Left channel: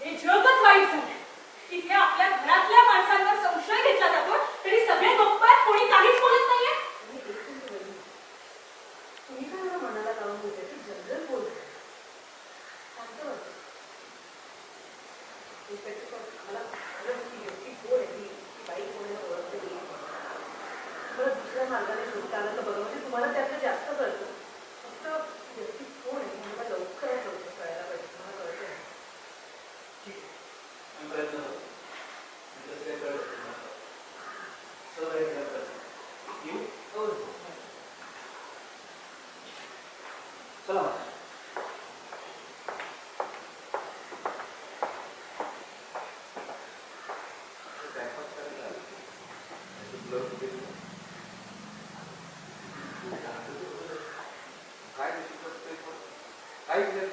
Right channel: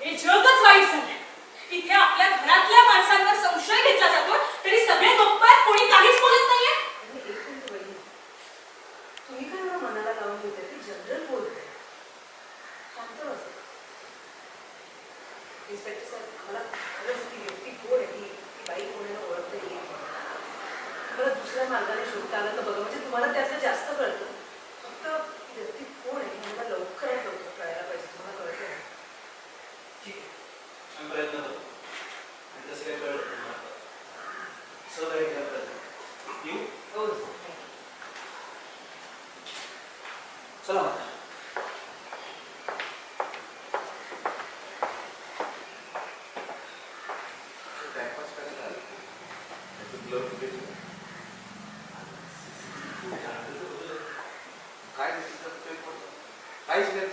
हे जगच वाईट झालंय. इथे आपल्या घरातल्या माणसांवर संशय घेतला जातो तरी सगळे गप्प आहेत, कोणी काहीच बोलत नाहीये. तुम्ही काय एवढं मनाला लावून घेते? ती जनरल बोलते. शांत बसा. इन्स्पेक्टर साहेब, आम्हाला खरंच ती व्यक्ती कोण आहे, ती बाई कोणाला ओळखता येईल. मला दुसऱ्या मार्गाने शोधता आलं तर बघा, म्हणजे तुम्हाला त्यातलं जास्त कळतं. फक्त ती व्यक्ती कोण आहे मला लवकरात लवकर कळायला पाहिजे. तुम्हाला कळतं? ठीक आहे, आम्ही प्रयत्न करतो. आणि तसं काही कळलं तुम्हाला सहकार्य करतात येऊ. हो. चला मग. काहीच नाही.